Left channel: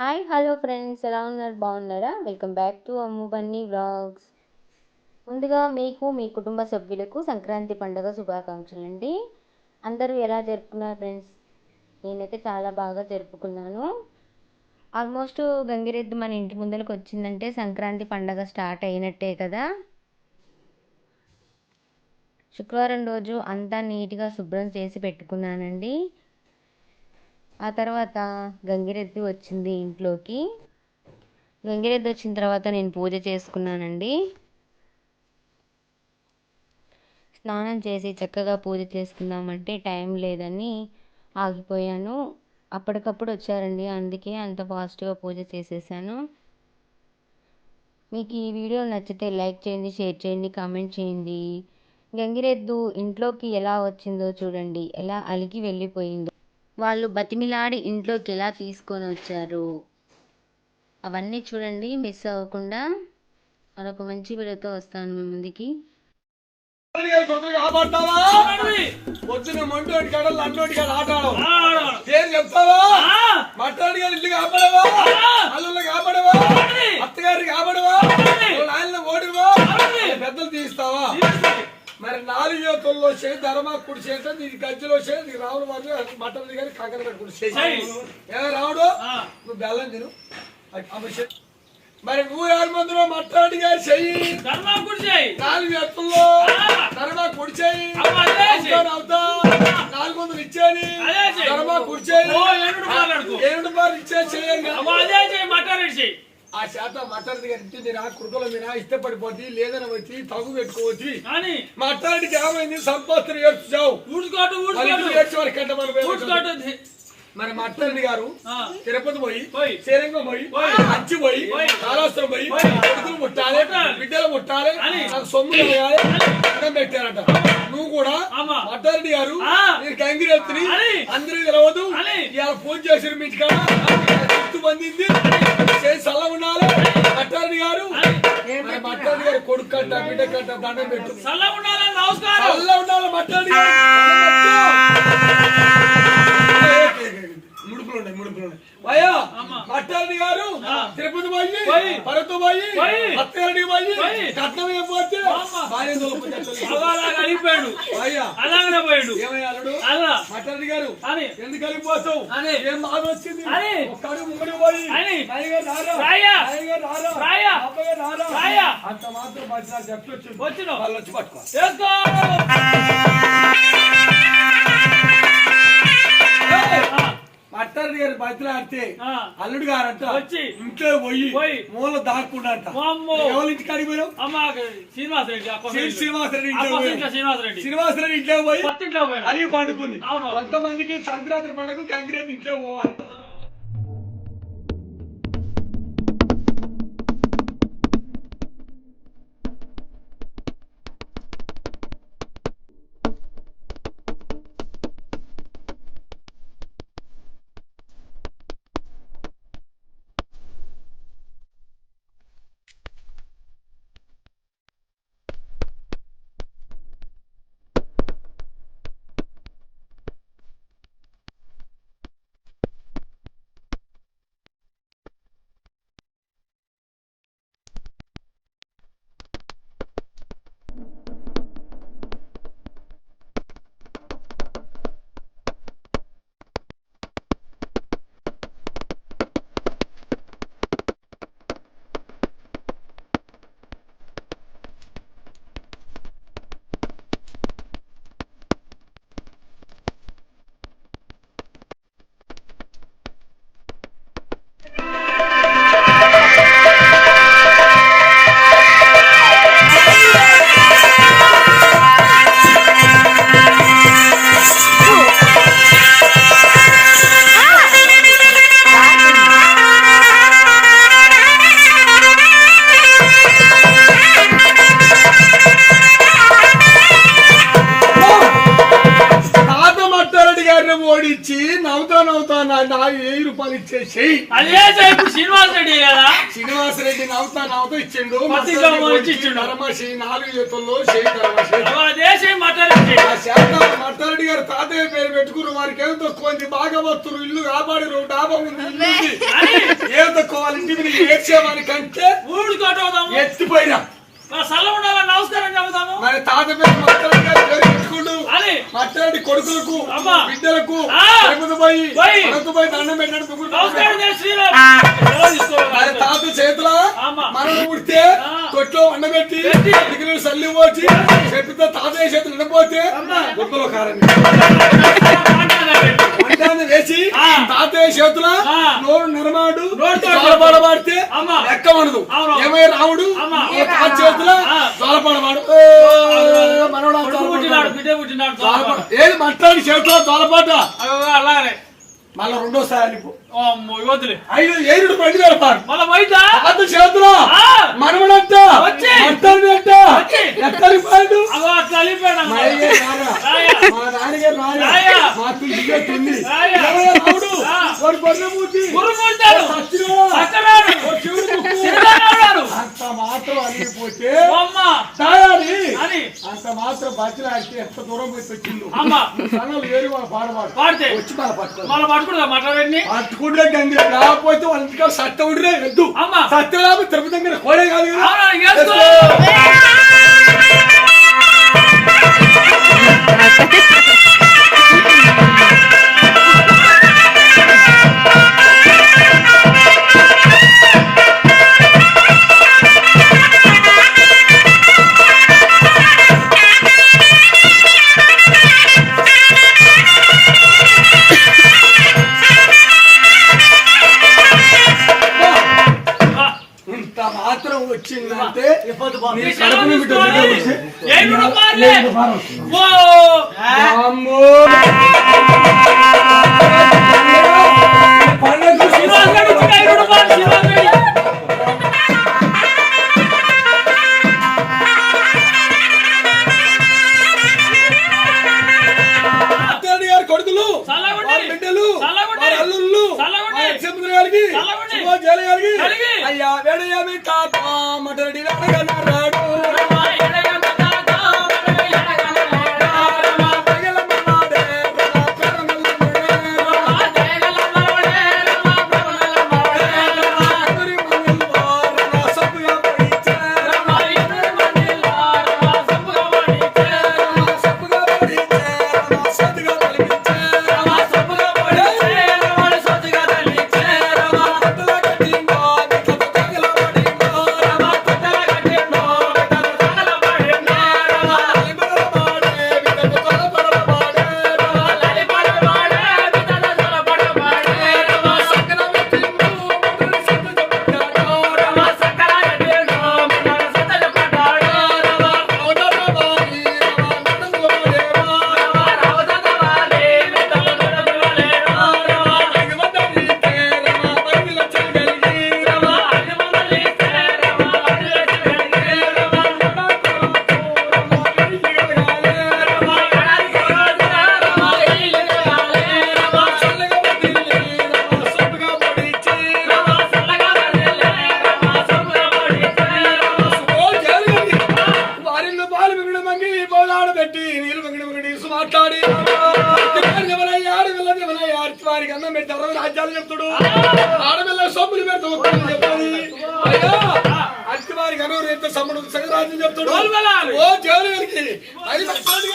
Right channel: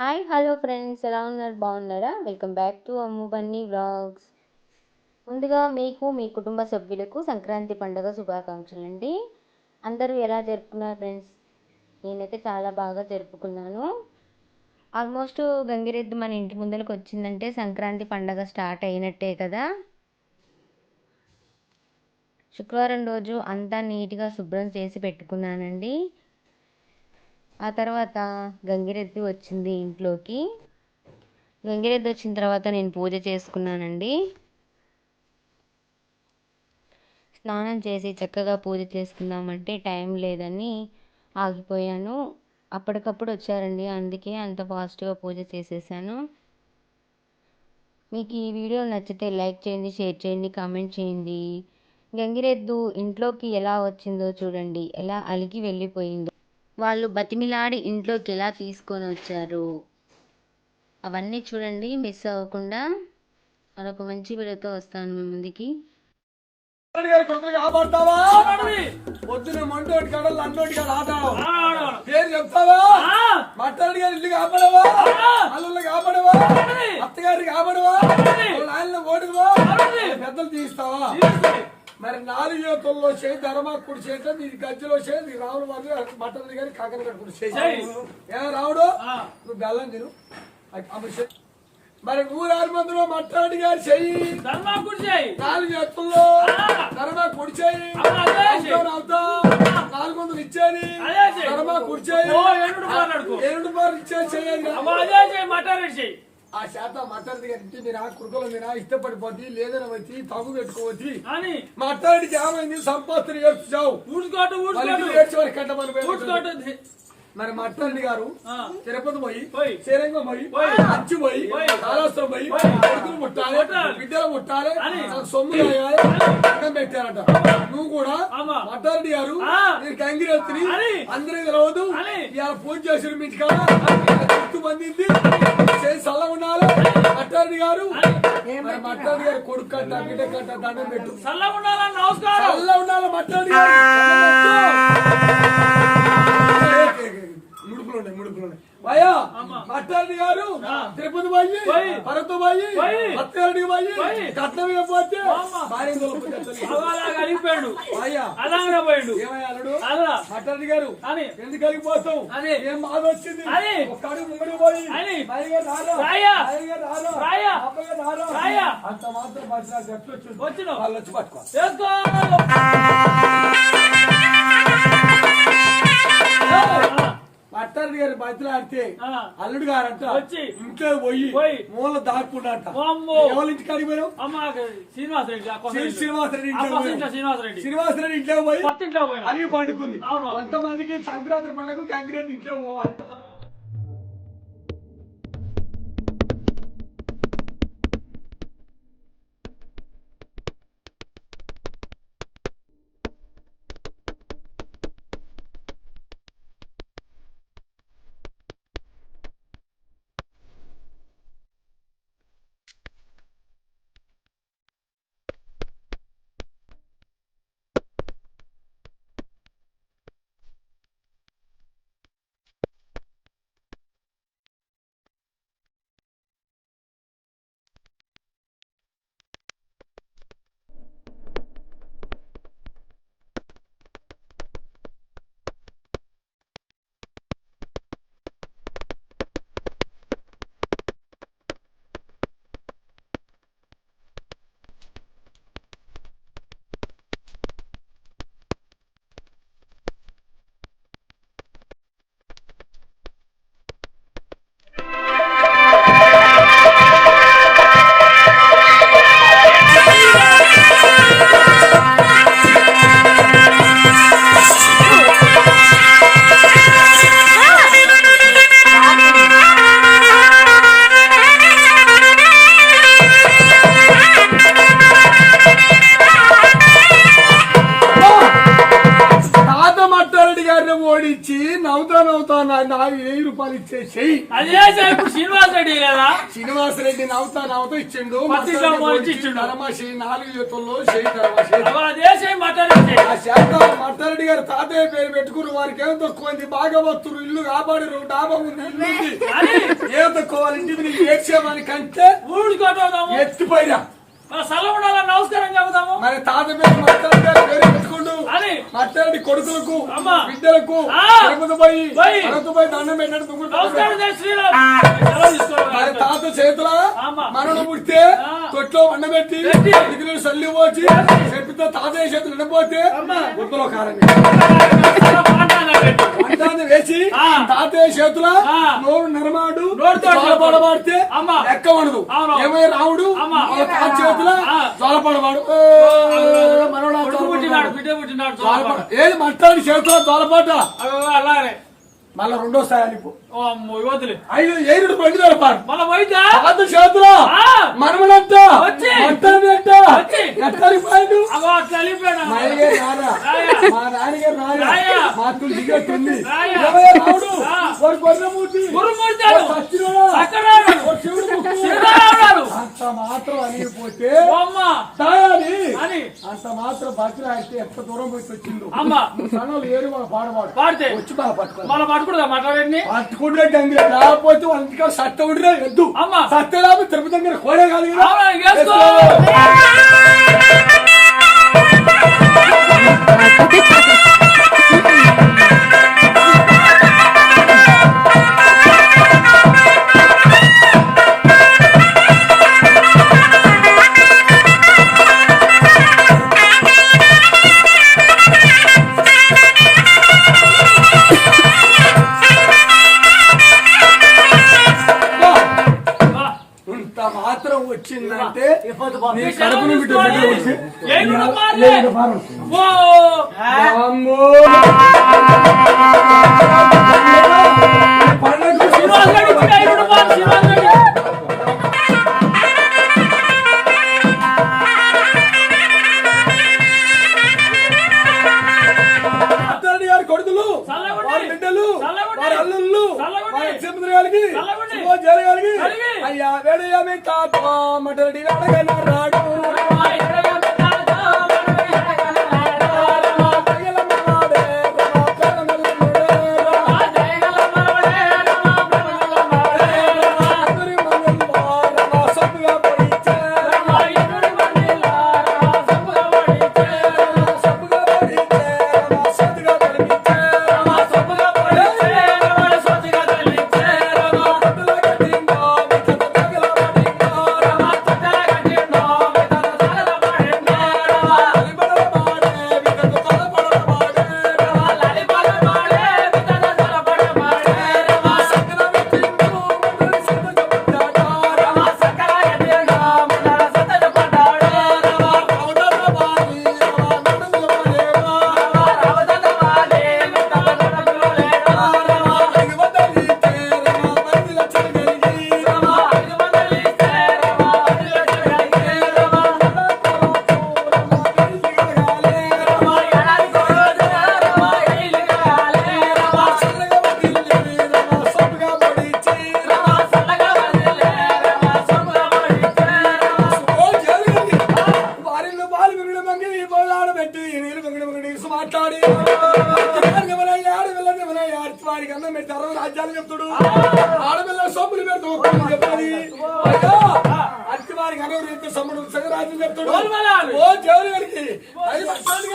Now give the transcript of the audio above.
Hi hello friends, ఎలా ఉన్నారు? బాగున్నారా? Welcome back to Ammu Bunny vlogs. ముందుగా మీకు మీ కుటుంబ సభ్యులకు సంక్రాంతి పండుగ శుభాకాంక్షలు అండి. అందరూ ఎలా జరుపుకున్నారు ఫ్రెండ్స్? నేనైతే చాలా బాగా జరుపుకున్నాను. ఆల్మోస్ట్ గంగిరెద్దు మన ఇంటి ముందరకు వచ్చిందంటే సంక్రాంతి పండుగ స్టార్ట్ అయినట్టే కదా. శుక్రవారం రోజు అంతా నీట్గా శుభ్రం చేసి పెట్టుకున్నానండి. ఆ తర్వాత గంగిరెద్దు వచ్చింది ఇంట్లోకి. గంగిరెద్దు వచ్చిన తర్వాత నేను పూజ చేసుకున్నానండి. స్నానం చేసి చక్కగా పూజ చేసుకుందామంటే టైం లేదని ఆగిపోయాను. అప్పటికప్పుడు వచ్చారండి, అందుకే అంత ఫాస్ట్గా పూజ చేసేసాను. మీకు ఈ వీడియో నచ్చితే లైక్ చేయండి, షేర్ చేయండి, కామెంట్ చేయండి. గంగిరెద్దు ఇంట్లోకి ఎలా వచ్చిందో చూడండి, ఎలా అలిగి వెళ్ళిపోయిందో. వాళ్ళు బతిమిలాడి ఇంట్లోకి ఎలా తీసుకొని వచ్చారు అవన్నీ చూడండి, మిస్ అవ్వకుండా. మరొక మంచి వీడియోతో వస్తాను మీ ముందుకి. పొద్దున మంటోటి కాడ లంటోటి కాడ ఆట ఏం చెప్తావా? మట్టాడి గారు ఇల్లు కాపాడవా, అల్లు కాపాడవా, అత్తగారిని కాపాడవా, ఆయన ఓడివా, పెద్దలు తీస్తావా? మరి 4 యువతుల్లో చేయి ధర్మా కుడి చేత నీ గజ్జలో చేయి నీ రావుడు వాళ్ళు మట్టడి గారి కాకర కట్టుకుని చేయి. రావుడు నువ్వు బెల్లం తిను. మరి 106 మట్టాడి గారు చెయ్యి 4 ఎత్తుల్లో ధర్మా కుడి చేయి అవుతా 400 ఇచ్చేది ధర్మా కుడి చేయి 7 రూపాయలు ఇచ్చే చేయండి. ఆ శాతం మట్టాడి గారి ఇంటి మీరా కుడుకల మీరా ఇష్టపడిపోద్ది, లేదని వచ్చి తగు పెట్టుకోవచ్చు. మట్టాడికి ఏమైంది? సంపత్తిని ఏడ్చావు ఏడ్చేవారి కట్టమని. మరి మట్టారెడ్డి గారు తిరుపతి పోయి శ్రీరంగం పోయి అచ్చి పోయి కాళహస్తం పోయి కొడుకులు ముట్టాలి, బిడ్డలు ముట్టాలి, సొమ్ము వేయాలి అన్నం పెట్టారట. నువ్వు కూడా మట్టారెడ్డి గారు మీరు గంగిరెత్తిని అందరూ తెలవదు ఇవాళ పూజ చేసిన మీ కదా గుర్తు పొందింది చేసి చల్ల ఉండాలి. మట్టారెడ్డి గారు మరి మట్టారెడ్డి గారు కొడుకు కట్ట బిడ్డ కట్ట దండం పెట్టు చల్ల ఉండాలి. మట్టారెడ్డి గారు ముడుపులు భయ్యా మట్టారెడ్డి గారు తిరుపతి పోయి పరతు పోయి అత్తగారికి పోయి కట్నం ఇవ్వకపోతే మట్టారెడ్డి గారు ఎందుకు వెళ్ళిపోతావు? ఏం బాధ వచ్చింది? ఒక్కడు ముంగడి పోయి అంత మాత్రం బతిరాలు ఎట్లు వచ్చింది వాళ్ళు వచ్చి పట్టుకో. మట్టారెడ్డి గారు బతిలాడితే అల్లుడు గారంట వచ్చి ఇంట్లో పోయి మూల దాక్కుండాట. ఎవరి ఇంటికి అడిగిపోయావు? శ్రీనివాసరెడ్డి ఇంట్లో పోయి అడిగి పండుకుంది. కొంతమందికి సంక్రాంతి పండుగ గంగిరెద్దు ఇంట్లో పోవాలి. నవ్వుతా నా 1000 రూపాయలు ఇచ్చేసేయి. అదే ఇప్పుడు శ్రీనివాస్ రెడ్డి కదా, శ్రీనివాస్ రెడ్డి నవ్వుతా ఇచ్చిండు. ధర్మశ్రీ 4 చేతుల్లో చేయి ధర్మశ్రీ మట్టారెడ్డి గారు తాతయ్య పేరు పెట్టుకున్న వారికి ఏం తక్కువ భాగవతులు ఇల్లు కాపాడిరు డాబా ఉంది ఏం తక్కువ వాళ్ళ ఇంటికి ఏడ్చేవానికంటే ఎత్తిపోయినా నమస్కారం చెబుతాము. మరి తాత పేరు మట్టారెడ్డి గారు పేరు పెట్టుకుంటూ మట్టారెడ్డి కొడుకులకు బిడ్డలకు పోయి దండం పెట్టాడు. మరి తాత చేతుల మనను పుడితే తొట్లో వండబెట్టి డిగ్రీలు సల్లి పోచి చెప్పితే తాతయ్య చేతులు నిండిపోతే గుర్తులో కారణం వంటాన్ని వేసి తాతయ్య చేతుల నోరు నరమాడు జోలపాడబడితే లెక్క ఉండదు. ఏమై రాముడు తాత చేతుల జోలపాడవాడు ఏది మట్టాడి చేతుల జోలపాట అలాగే మళ్ళా రెండోసారి 5 బండి జరపాడు మళ్ళా బయట తాత చేతుల మనవడంట ఎక్కడికి పోయాడు మా నాన్నగారు మా తుల్లిగా తుంది రాముడు కొన్నమూర్తి అంత మాత్రం అనిగిపోతే అంత మాత్రం బతిలా ఎంత దూరం పోయి వచ్చిండు. సన్నలు ఏరు వాళ్ళ పాడబాడు వచ్చి మన పట్టుకుంటే గంగి లేకపోతే వాళ్ళ ఇంటికాడ సత్త ఉండే వద్దు సత్త లేకపోతే తిరుపతి దగ్గర కోడే కాదు కదా. మాత్రం వచ్చిందంటే కడుపుని బిడ్డ గారి కొడుకులు బిడ్డలు అల్లుళ్ళు గారికి గారికి అయ్యా వేడయ్యా మీ తాత మటరెడ్డి రాడు మాట్లాడి వారికి అన్నం పెట్టి 60 రాజ్యాలు చెప్తాడు. ఆడపిల్ల సొమ్ములు పెడతాడు చెప్పాలి. అట్టి వారికి అన్నం రేపు సమ్ముడు సగ రాజ్యం చెప్తాడు. ఓ దేవుడి గారికి 5 లక్షలు